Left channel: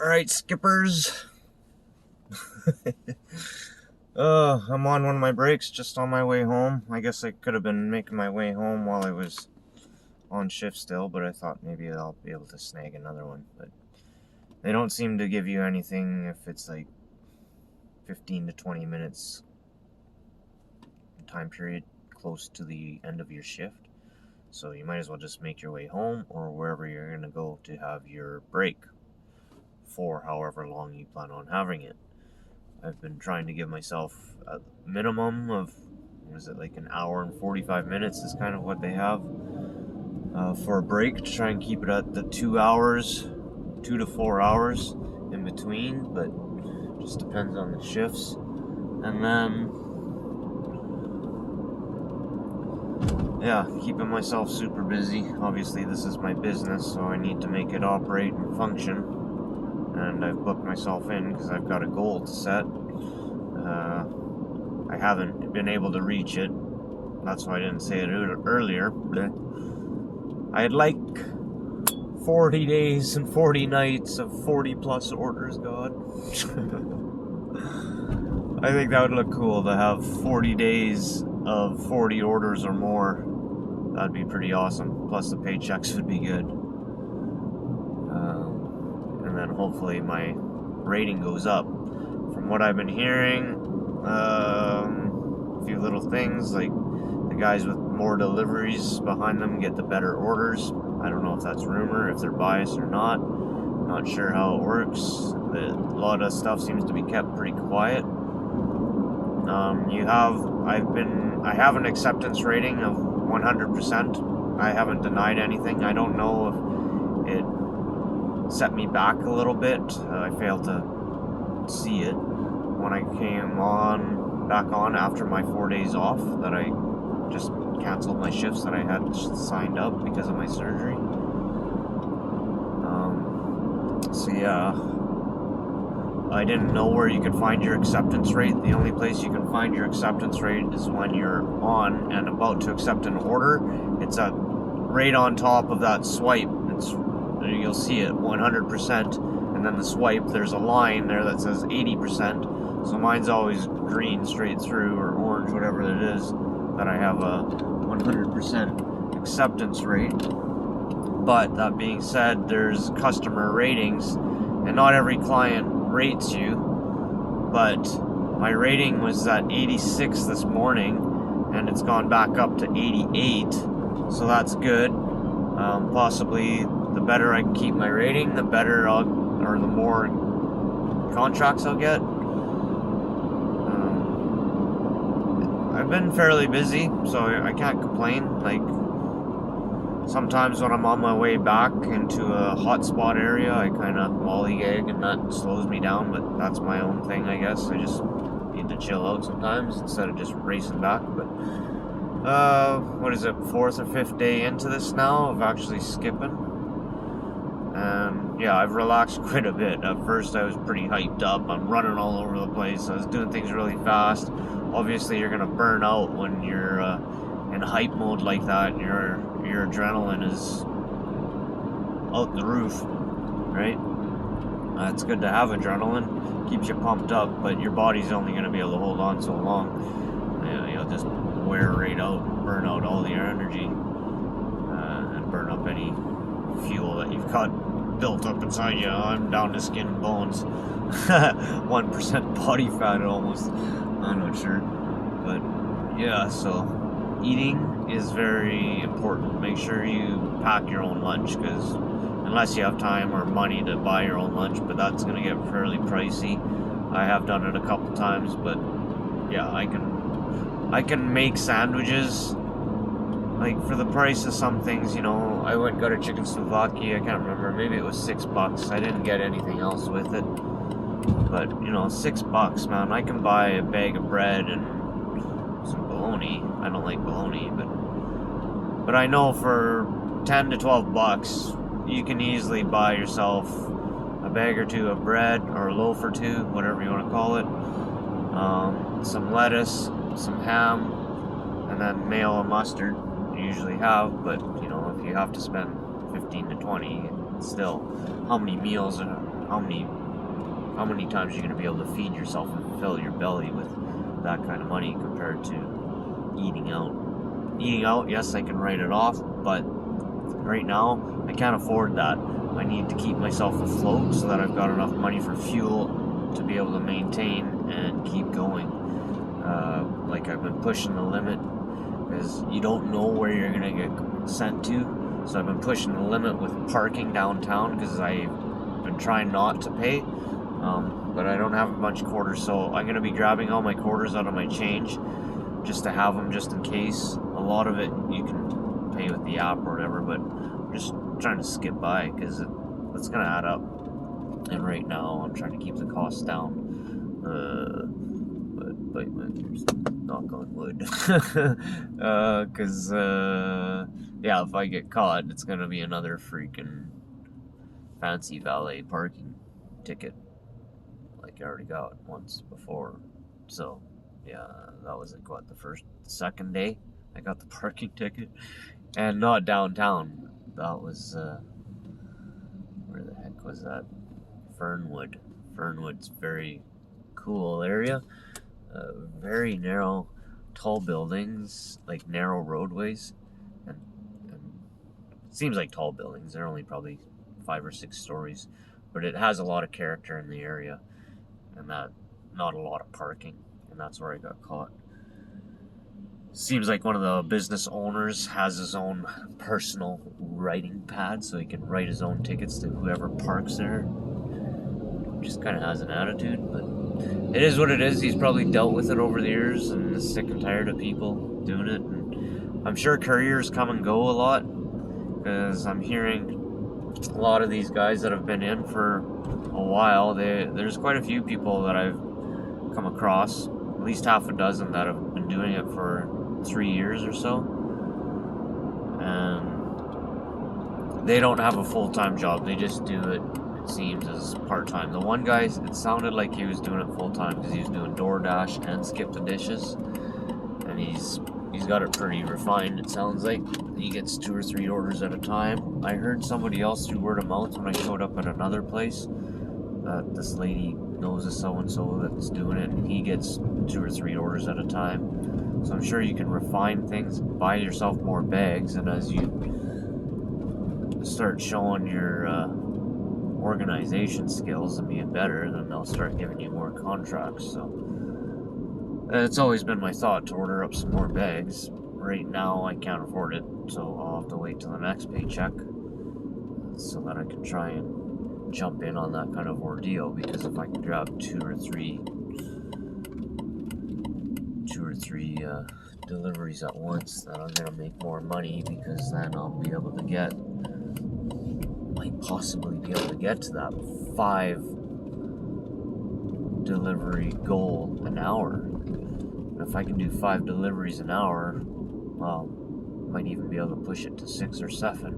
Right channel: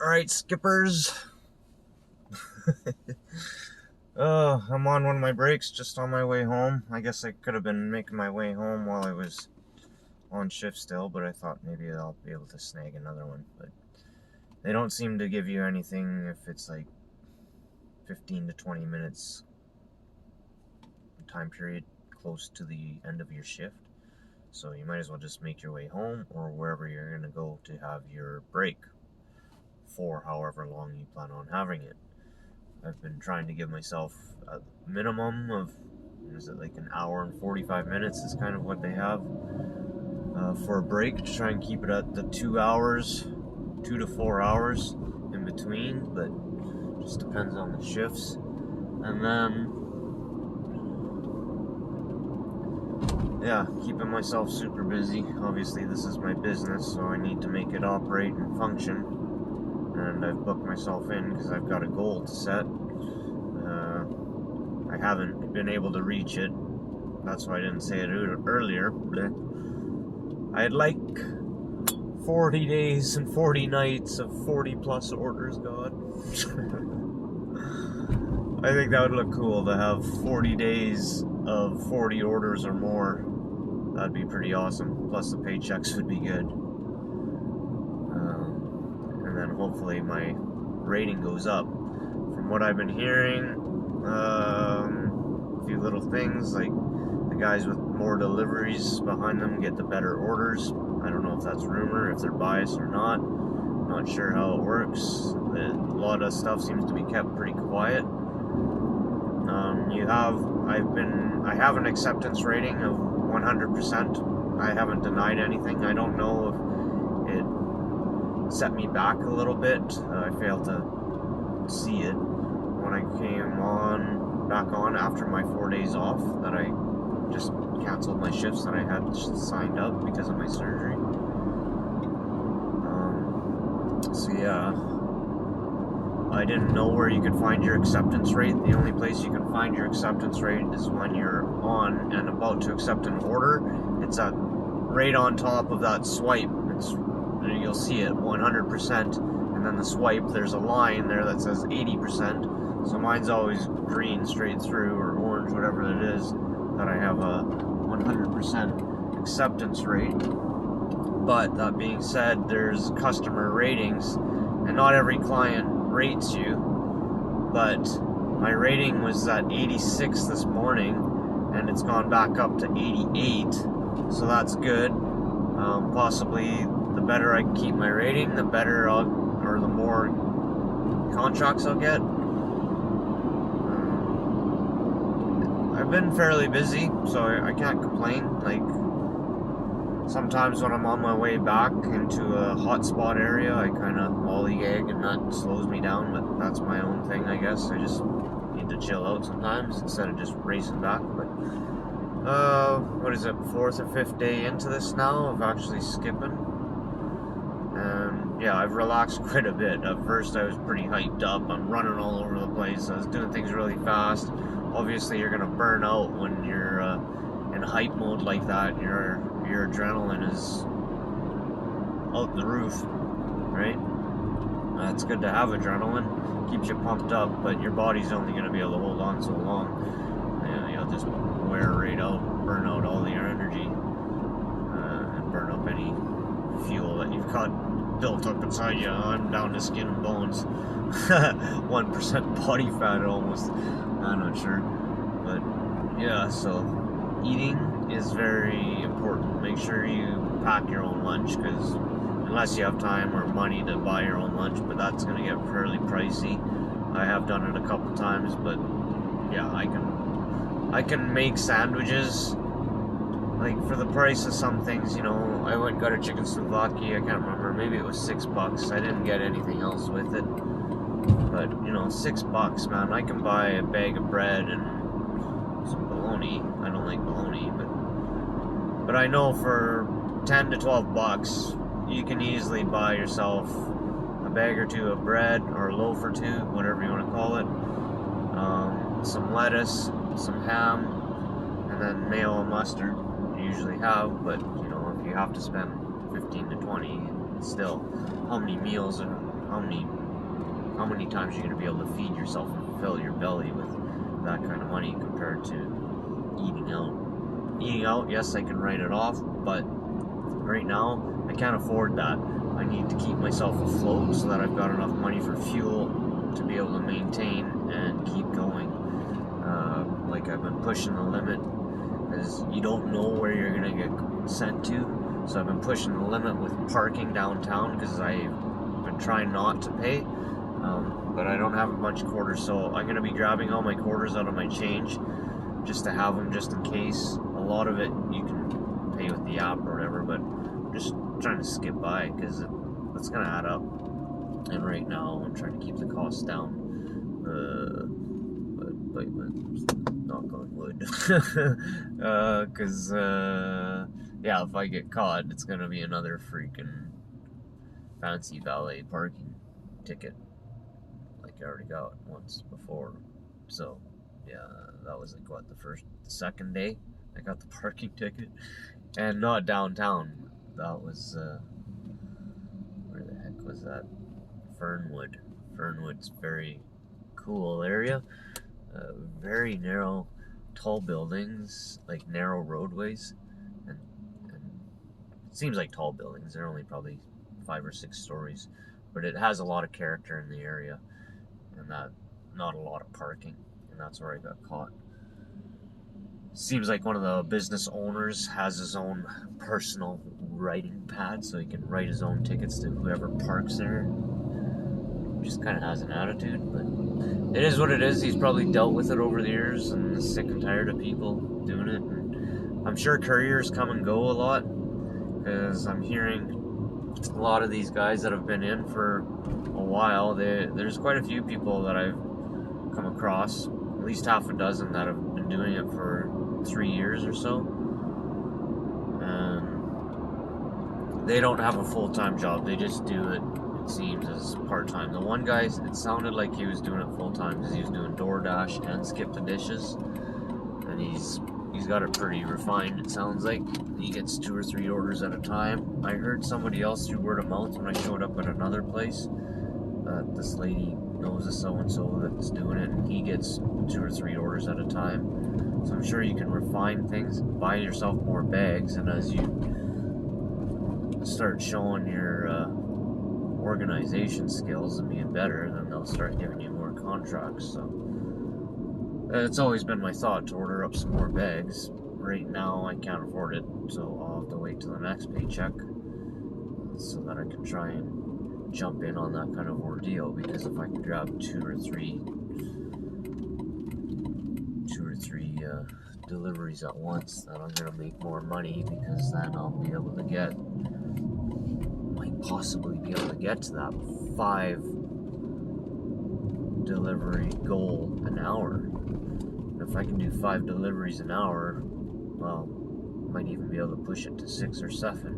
Alright, skippers. I'm on one of my breaks just on my way home. I guess I could have been making my way home while I was on shift still, but I thought maybe I'll be able to snag another one. But they don't seem to give you anything if it's like 15 to 20 minutes time period close to the end of your shift. So you might as well just make your way home or wherever you're going to go to have your break for however long you plan on having it. I've been trying to give myself a minimum of, is it like an hour and 45 minutes is kind of what they have for a break, to try and keep it at the 2 hours, 2 to 4 hours in between, but just depends on the shifts. And then, yeah, keeping myself super busy. Obviously this is my business, so I need to make it operate and function. And I've booked myself in because I've got a goal to set. I haven't been able to reach it. That's why I didn't say it earlier. I'd like 40 days and 40 nights of 40 plus orders, God. I think that would look cool to have 40 days of 40 orders or more. That'd be pretty awesome. Plus the paychecks would be good. And then hopefully my rating goes up. From what I've been hearing, a few little things, like the guys with more deliveries behind them get the better orders. I don't know if that's rumor, if they're biased or not. Not sure how it works. A lot of stuff seems to be kept pretty quiet. I have an acceptance rating of 100%. I haven't denied anything. I don't know if it set me back a little bit. I failed to see it when I came back on after my 4 days off, that I just canceled my shifts that I had signed up because of my surgery. So yeah, I didn't know where you could find your acceptance rate. The only place you can find your acceptance rate is when you're on and about to accept an order. It's right on top of that swipe. You'll see it 100%, and then the swipe, there's a line there that says 80%. So mine's always green straight through, or orange, whatever it is, that I have a 100% acceptance rate. But that being said, there's customer ratings, and not every client rates you, but my rating was at 86 this morning, and it's gone back up to 88, so that's good. Possibly the better I keep my rating, the better or the more contracts I'll get. I've been fairly busy, so I can't complain. Like, sometimes when I'm on my way back into a hotspot area, I kind of lollygag and that slows me down, but that's my own thing, I guess. I just need to chill out sometimes instead of just racing back. But what is it, 4th or 5th day into this now of actually skipping? And yeah, I've relaxed quite a bit. At first I was pretty hyped up. I'm running all over the place. I was doing things really fast. Obviously you're gonna burn out when you're in hype mode like that. Your adrenaline is out the roof, right? It's good to have adrenaline, keeps you pumped up, but your body's only going to be able to hold on so long. You'll just wear right out, burn out all your energy, and burn up any fuel that you've got built up inside you. I'm down to skin and bones. 1% body fat almost. I'm not sure, but yeah, so eating is very important. Make sure you pack your own lunch, because unless you have time or money to buy your own lunch, but that's going to get fairly pricey. I have done it a couple times, but yeah, I can make sandwiches like for the price of some things. You know, I went and got a chicken souvlaki. I can't remember, maybe it was $6. I didn't get anything else with it, but you know, $6, man. I can buy a bag of bread and some bologna. I don't like bologna, but I know for 10 to 12 bucks you can easily buy yourself a bag or two of bread, or a loaf or two, whatever you want to call it, some lettuce, some ham, and then mayo and mustard you usually have. But you know, if you have to spend 15 to 20, still, how many meals how many times you're going to be able to feed yourself and fill your belly with that kind of money compared to eating out. Eating out, yes, I can write it off, but right now I can't afford that. I need to keep myself afloat so that I've got enough money for fuel to be able to maintain and keep going. Like I've been pushing the limit because you don't know where you're gonna get sent to. So I've been pushing the limit with parking downtown because I've been trying not to pay. But I don't have a bunch of quarters, so I'm gonna be grabbing all my quarters out of my change just to have them just in case. A lot of it you can pay with the app or whatever, but I'm just trying to skip by because it's gonna add up. And right now I'm trying to keep the costs down. But knock on wood. Because yeah, if I get caught, it's gonna be another freaking fancy valet parking ticket, like I already got once before. So yeah, that was like what, the second day I got the parking ticket, and not downtown. That was where the heck was that? Fernwood. Fernwood's very cool area. Very narrow, tall buildings, like narrow roadways, and it seems like tall buildings. They're only probably 5 or 6 stories, but it has a lot of character in the area, and that not a lot of parking, and that's where I got caught. Seems like one of the business owners has his own personal writing pad, so he can write his own tickets to whoever parks there. Just kind of has an attitude, but it is what it is. He's probably dealt with it over the years and is sick and tired of people doing it. And I'm sure couriers come and go a lot, because I'm hearing a lot of these guys that have been in for a while. There's quite a few people that I've come across, at least half a dozen, that have been doing it for 3 years or so, and they don't have a full-time job. They just do it seems, as part-time. The one guy, it sounded like he was doing it full-time because he was doing DoorDash and Skip the Dishes, and he's got it pretty refined. It sounds like he gets 2 or 3 orders at a time. I heard somebody else through word of mouth when I showed up at another place that this lady knows a so-and-so that's doing it, and he gets 2 or 3 orders at a time. So I'm sure you can refine things, buy yourself more bags, and as you start showing your organization skills and being better, then they'll start giving you more contracts. So it's always been my thought to order up some more bags. Right now I can't afford it, so I'll have to wait till the next paycheck so that I can try and jump in on that kind of ordeal, because if I can grab two or three deliveries at once, then I'm gonna make more money, because then I'll be able to possibly be able to get to that 5 delivery goal an hour. And if I can do 5 deliveries an hour, well, might even be able to push it to 6 or 7.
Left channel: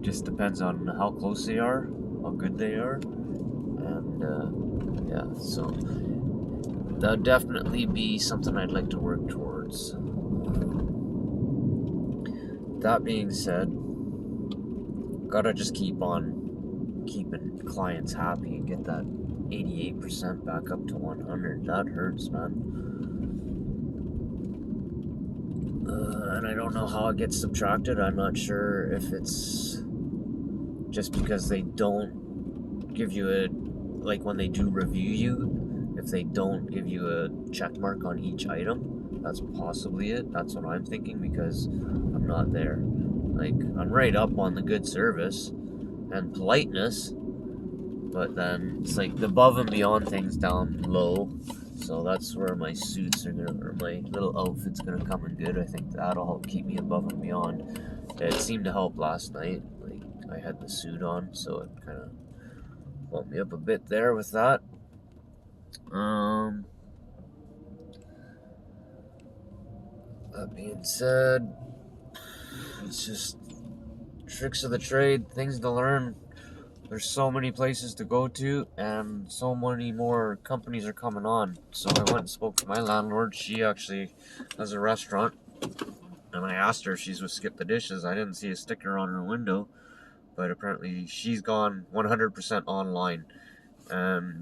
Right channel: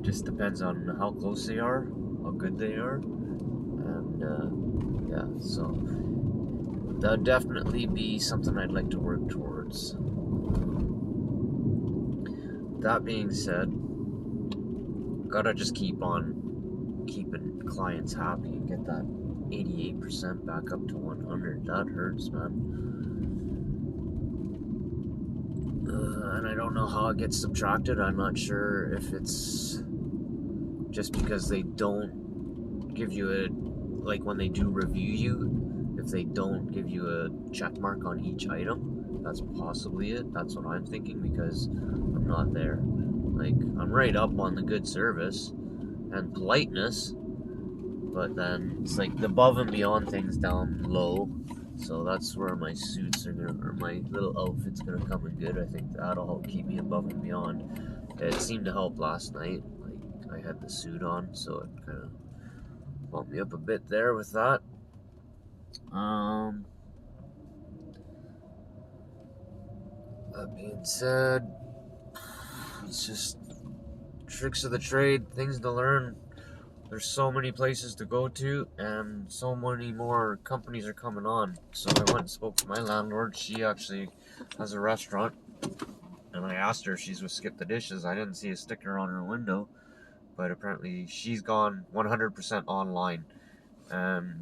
Just depends on how close they are, how good they are, and yeah, so that'd definitely be something I'd like to work towards. That being said, gotta just keep on keeping clients happy and get that 88% back up to 100. That hurts, man. And I don't know how it gets subtracted. I'm not sure if it's just because they don't give you like when they do review you, if they don't give you a check mark on each item. That's possibly it. That's what I'm thinking, because I'm not there. Like, I'm right up on the good service and politeness, but then it's like the above and beyond things down low. So that's where my suits are gonna, or my little outfit's gonna come in good. I think that'll help keep me above and beyond. It seemed to help last night. Like, I had the suit on, so it kind of bumped me up a bit there with that. That being said, it's just tricks of the trade, things to learn. There's so many places to go to, and so many more companies are coming on. So I went and spoke to my landlord. She actually has a restaurant, and I asked her if she's with Skip the Dishes. I didn't see a sticker on her window, but apparently she's gone 100% online.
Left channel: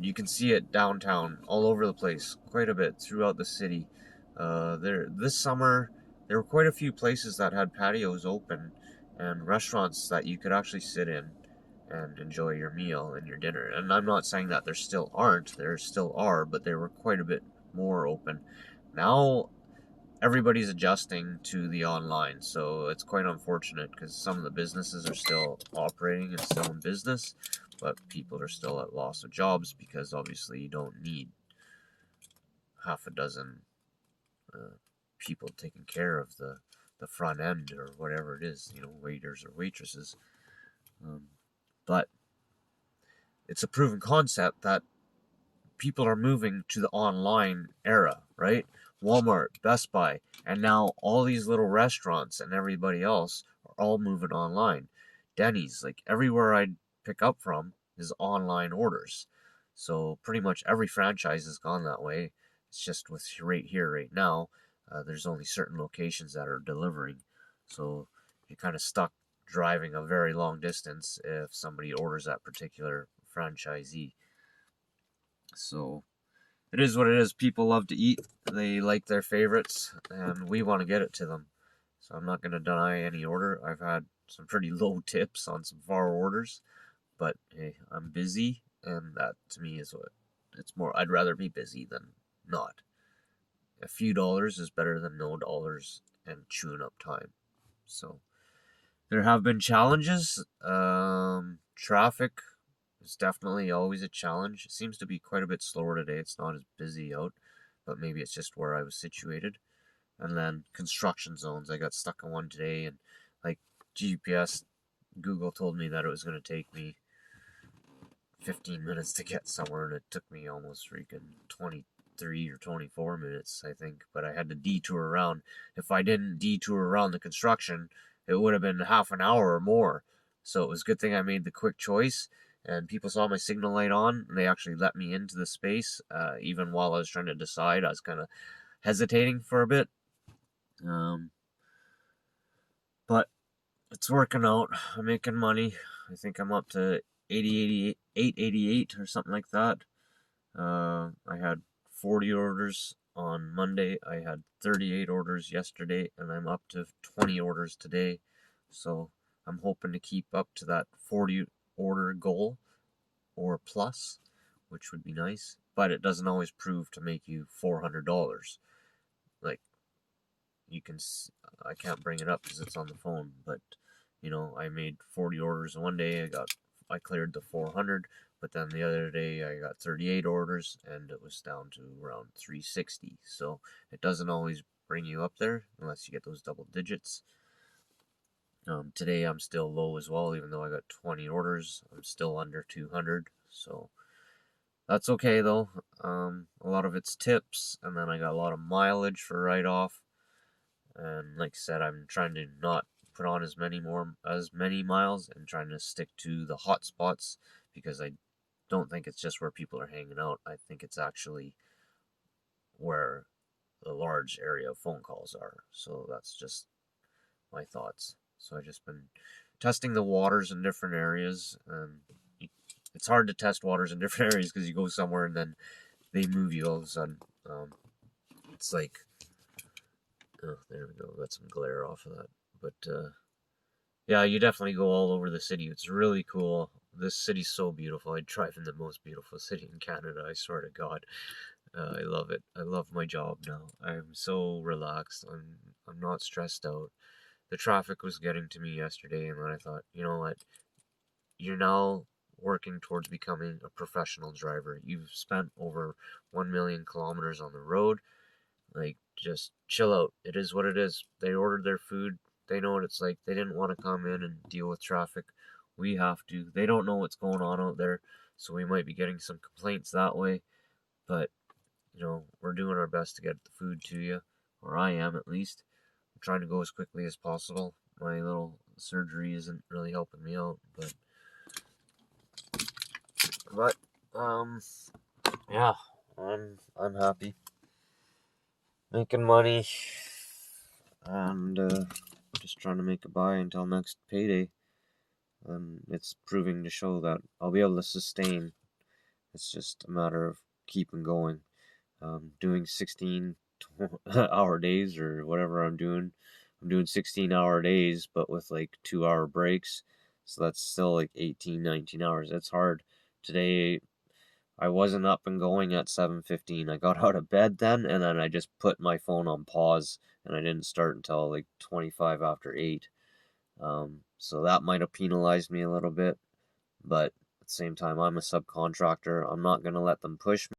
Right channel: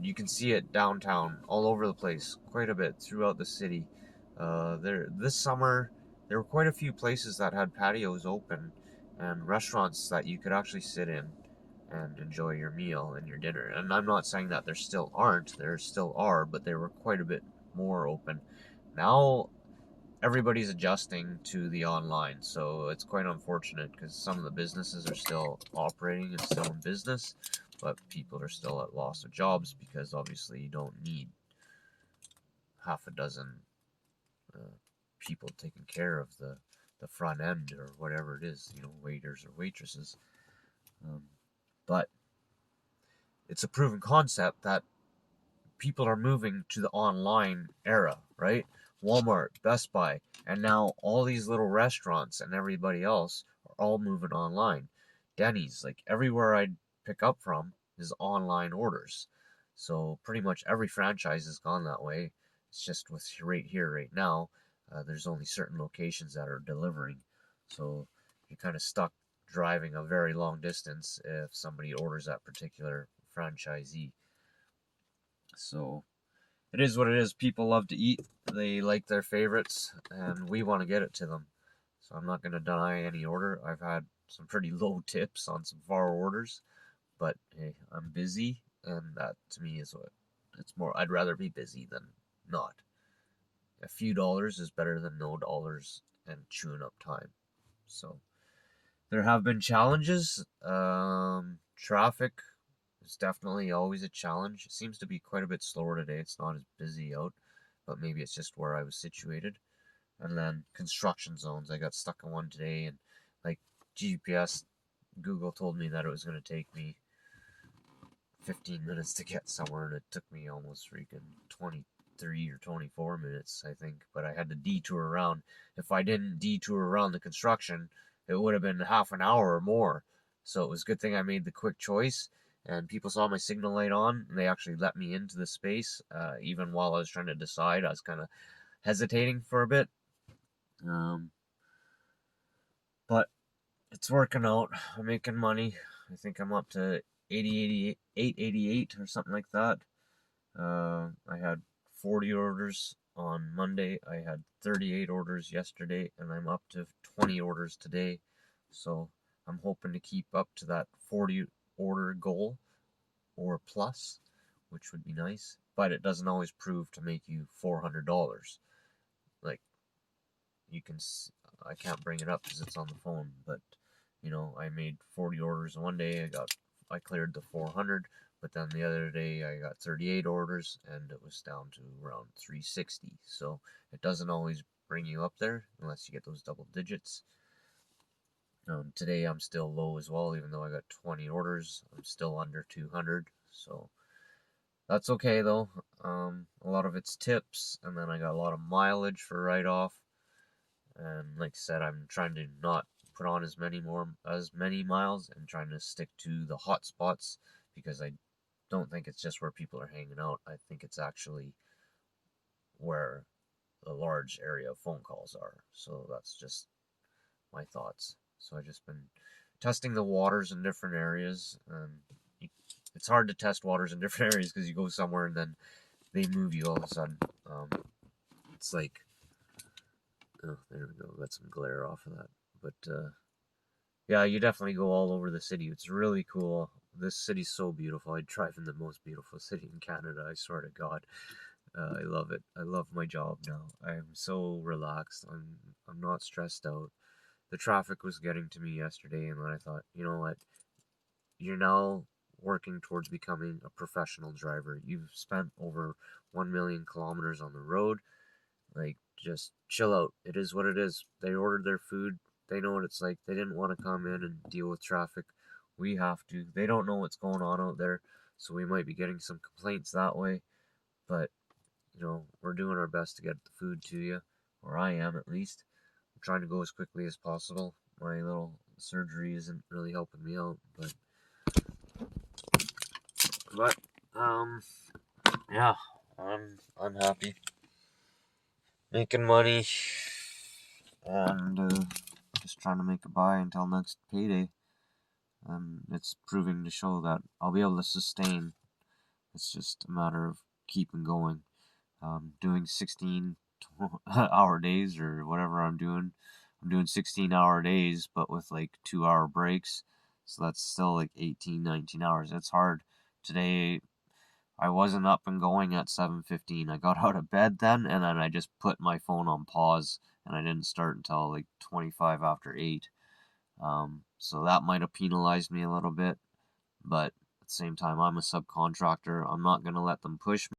You can see it downtown, all over the place, quite a bit throughout the city. This summer, there were quite a few places that had patios open and restaurants that you could actually sit in and enjoy your meal and your dinner. And I'm not saying that there still aren't, there still are, but they were quite a bit more open. Now everybody's adjusting to the online, so it's quite unfortunate because some of the businesses are still operating and still in business, but people are still at loss of jobs because obviously you don't need half a dozen people taking care of the front end or whatever it is, waiters or waitresses. But it's a proven concept that people are moving to the online era, right? Walmart, Best Buy, and now all these little restaurants and everybody else are all moving online. Denny's, like everywhere I pick up from, is online orders. So pretty much every franchise has gone that way. It's just with right here, right now, there's only certain locations that are delivering. So you're kind of stuck driving a very long distance if somebody orders that particular franchisee. So it is what it is. People love to eat. They like their favorites, and we want to get it to them. So I'm not going to deny any order. I've had some pretty low tips on some far orders, but hey, I'm busy, and that to me is what it's more. I'd rather be busy than not. A few dollars is better than no dollars and chewing up time. So there have been challenges. Traffic is definitely always a challenge. It seems to be quite a bit slower today. It's not as busy out, but maybe it's just where I was situated. And then construction zones. I got stuck in one today, and like GPS, Google told me that it was going to take me 15 minutes to get somewhere, and it took me almost freaking 23 or 24 minutes, I think. But I had to detour around. If I didn't detour around the construction, it would have been half an hour or more. So it was a good thing I made the quick choice. And people saw my signal light on, and they actually let me into the space. Even while I was trying to decide, I was kind of hesitating for a bit. But it's working out. I'm making money. I think I'm up to 88 or something like that. I had 40 orders on Monday. I had 38 orders yesterday, and I'm up to 20 orders today. So I'm hoping to keep up to that 40 order goal or plus, which would be nice. But it doesn't always prove to make you $400. Like, I can't bring it up because it's on the phone, but I made 40 orders one day. I cleared the 400, but then the other day I got 38 orders and it was down to around 360. So it doesn't always bring you up there unless you get those double digits. Today I'm still low as well, even though I got 20 orders. I'm still under 200, so that's okay though. A lot of it's tips, and then I got a lot of mileage for write-off. And like I said, I'm trying to not put on as many miles and trying to stick to the hot spots because I don't think it's just where people are hanging out. I think it's actually where the large area of phone calls are. So that's just my thoughts. So I've just been testing the waters in different areas, and it's hard to test waters in different areas because you go somewhere and then they move you all of a sudden. It's like, oh, there we go. Got some glare off of that. But yeah, you definitely go all over the city. It's really cool. This city's so beautiful. I drive in the most beautiful city in Canada. I swear to God, I love it. I love my job now. I'm so relaxed. I'm not stressed out. The traffic was getting to me yesterday, and then I thought, you know what? You're now working towards becoming a professional driver. You've spent over 1 million kilometers on the road. Like, just chill out. It is what it is. They ordered their food. They know what it's like. They didn't want to come in and deal with traffic. We have to. They don't know what's going on out there, so we might be getting some complaints that way. But, we're doing our best to get the food to you, or I am at least. I'm trying to go as quickly as possible. My little surgery isn't really helping me out, but yeah, I'm happy, making money, and just trying to make a buy until next payday. it's proving to show that I'll be able to sustain. It's just a matter of keeping going. Doing 16-hour days or whatever I'm doing. I'm doing 16-hour days, but with like 2-hour breaks. So that's still like 18, 19 hours. That's hard. Today, I wasn't up and going at 7:15. I got out of bed then, and then I just put my phone on pause, and I didn't start until like 25 after 8. So that might have penalized me a little bit, but at the same time, I'm a subcontractor. I'm not going to let them push me.